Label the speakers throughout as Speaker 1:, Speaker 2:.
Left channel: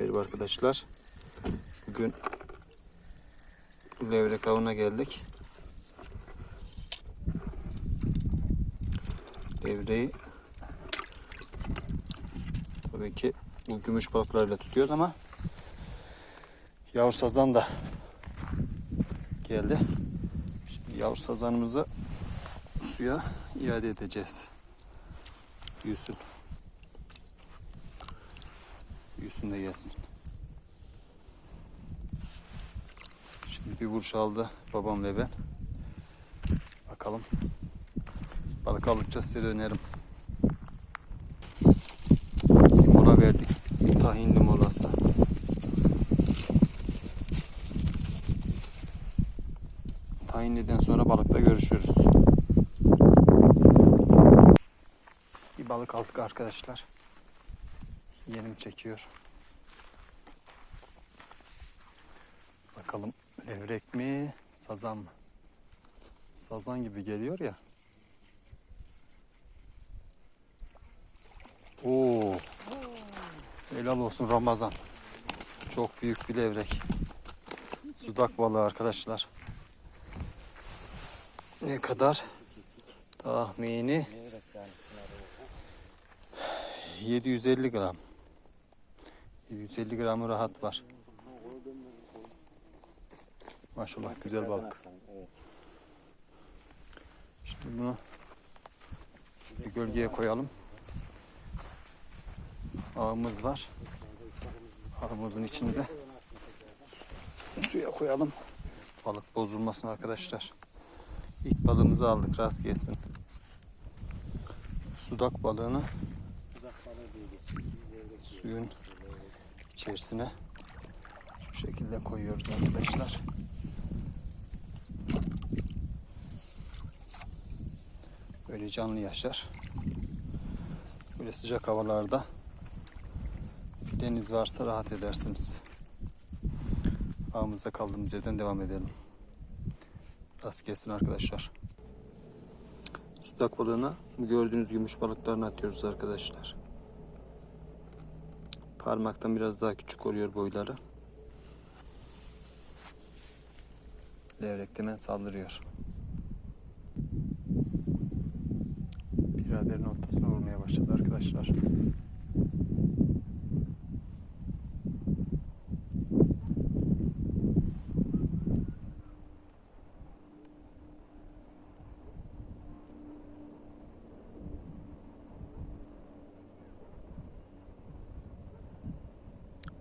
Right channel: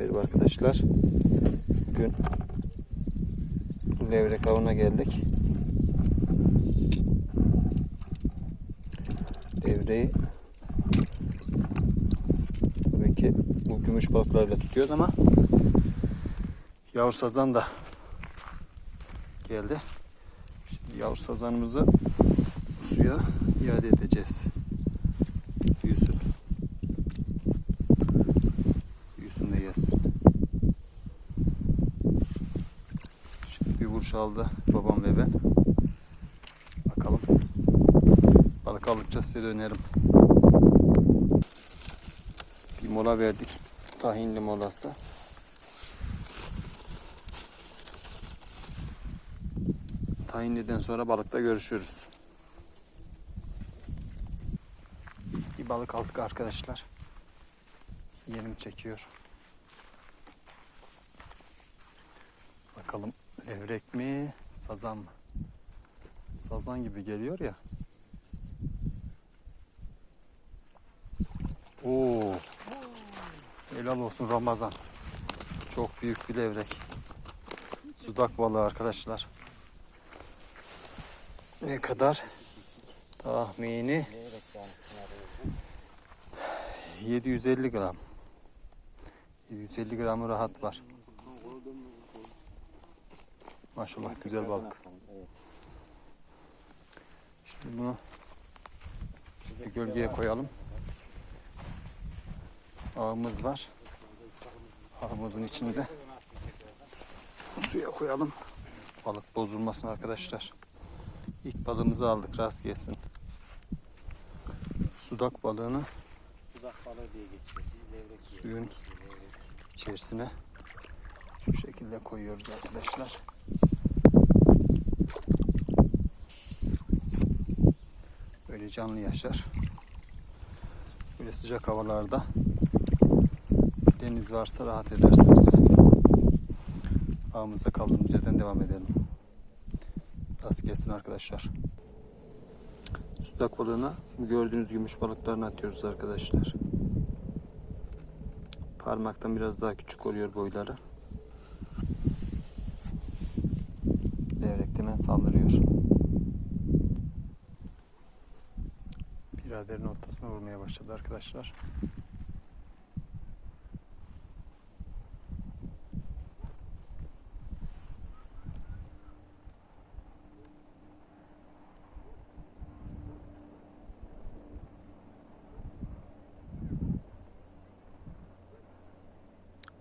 Speaker 1: Merhaba arkadaşlar. Bugün levrek avına geldik. Levreği tabii ki bu gümüş balıklarla tutuyoruz ama yavru sazan da geldi. Şimdi yavru sazanımızı suya iade edeceğiz. Büyüsün. De gelsin. Şimdi bir vuruş aldı babam ve ben. Bakalım. Balık aldıkça size dönerim. Bir mola verdik. Tahinli molası. Tahinliden sonra balıkta görüşürüz. Bir balık aldık arkadaşlar. Yenim çekiyor. Bakalım levrek mi, sazan mı? Sazan gibi geliyor ya. Oo. Helal olsun Ramazan. Çok büyük bir levrek. Sudak balığı arkadaşlar. Ne kadar? Tahmini 750 gram. 750 gramı rahat var. Maşallah güzel balık. Şimdi bunu bir gölgeye koyalım. Ağımız var. Ağımızın içinde suya koyalım. Balık bozulmasın arkadaşlar. İlk balığımızı aldık rast gelsin. Sudak balığını suyun içerisine şu şekilde koyuyoruz arkadaşlar. Canlı yaşar. Böyle sıcak havalarda deniz varsa rahat edersiniz. Ağımıza kaldığımız yerden devam edelim. Rast gelsin arkadaşlar. Sudak balığına gördüğünüz gümüş balıklarını atıyoruz arkadaşlar. Parmaktan biraz daha küçük oluyor boyları. Levrek hemen saldırıyor. Biraderin ortasına vurmaya başladı arkadaşlar.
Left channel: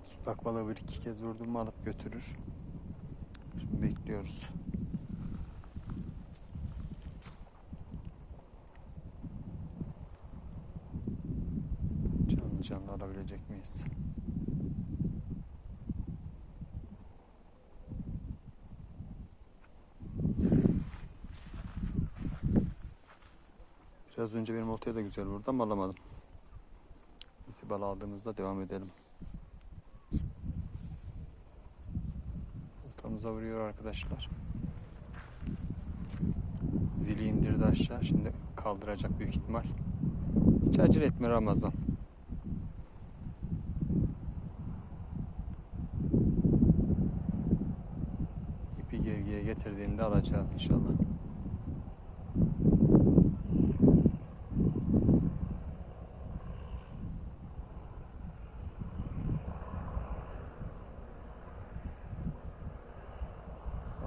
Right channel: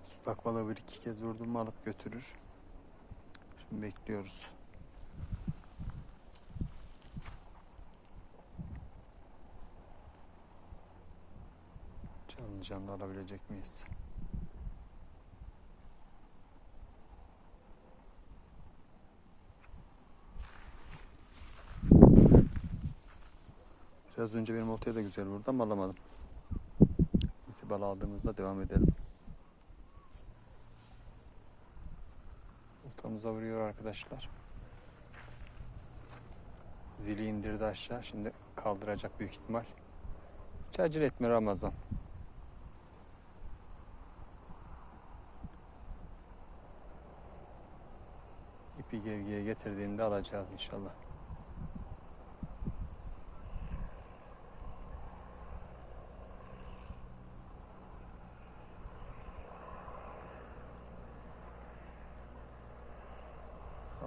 Speaker 1: Sudak balığı bir iki kez vurdum mu alıp götürür. Şimdi bekliyoruz. Canlı alabilecek miyiz? Biraz önce benim oltaya da güzel vurdu ama alamadım. Neyse bal aldığımızda devam edelim. Oltamıza vuruyor arkadaşlar. Zili indirdi aşağı. Şimdi kaldıracak büyük ihtimal. Hiç acele etme Ramazan. İpi gergiye getirdiğinde alacağız inşallah.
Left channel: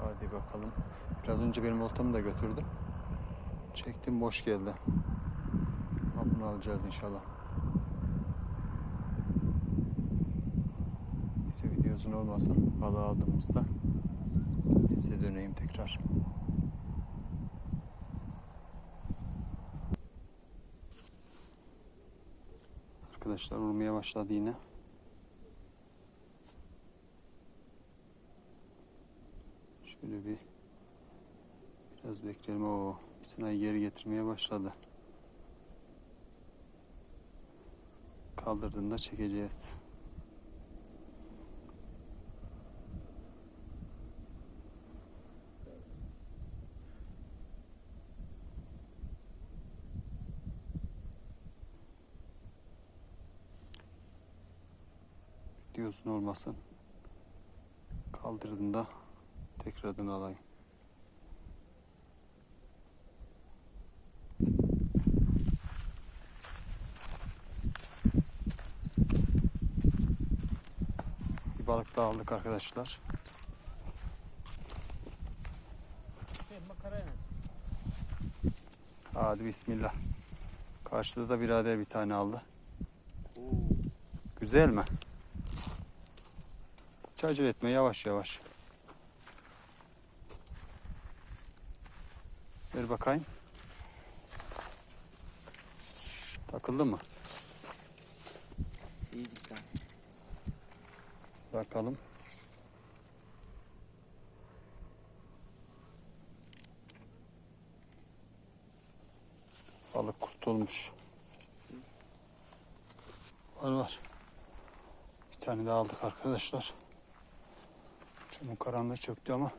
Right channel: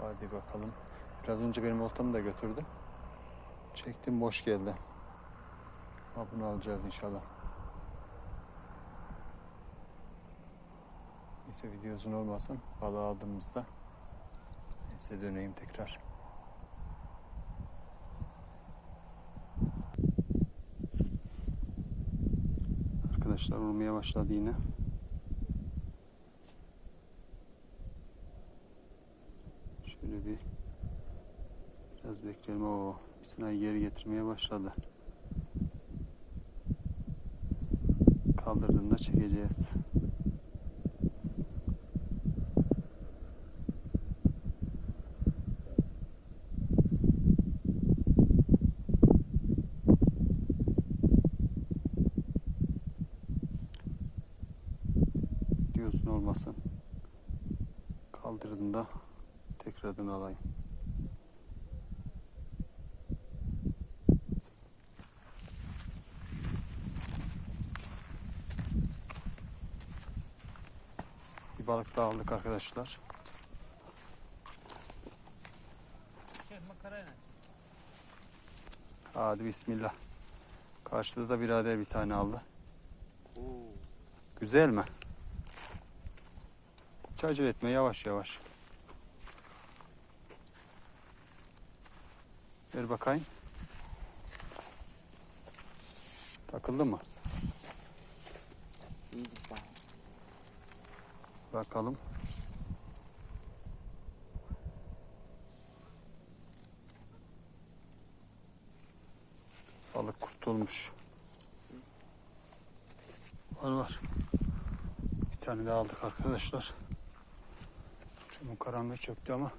Speaker 1: Hadi bakalım. Biraz önce benim oltamı da götürdü. Çektim boş geldi. Ama bunu alacağız inşallah. Neyse video uzun olmasın. Balığı aldığımızda neyse döneyim tekrar. Arkadaşlar vurmaya başladı yine. Şöyle bir biraz bekleyelim. O sınayı geri getirmeye başladı. Kaldırdığında çekeceğiz. Yosun olmasın. Kaldırdım da tekrardan alayım. Bir balık daha aldık arkadaşlar. Hadi bismillah. Karşıda da birader bir tane aldı. Güzel mi? Hiç acele etme yavaş yavaş. Ver bakayım. Takıldı mı?
Speaker 2: İyi güzel.
Speaker 1: Bakalım. Balık kurtulmuş. Var var. Bir tane daha aldık arkadaşlar. Şimdi karanlığı çöktü ama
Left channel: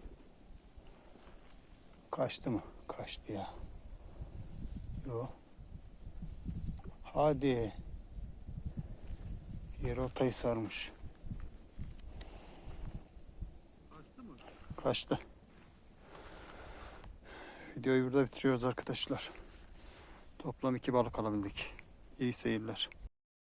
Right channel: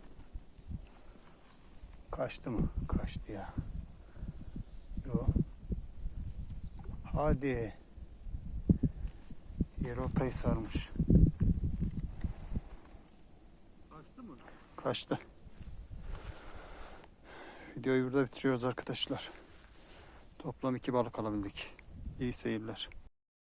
Speaker 1: kaçtı mı? Kaçtı ya. Yo. Hadi. Diğer ortayı sarmış.
Speaker 2: Kaçtı mı?
Speaker 1: Kaçtı. Videoyu burada bitiriyoruz arkadaşlar. Toplam iki balık alabildik. İyi seyirler.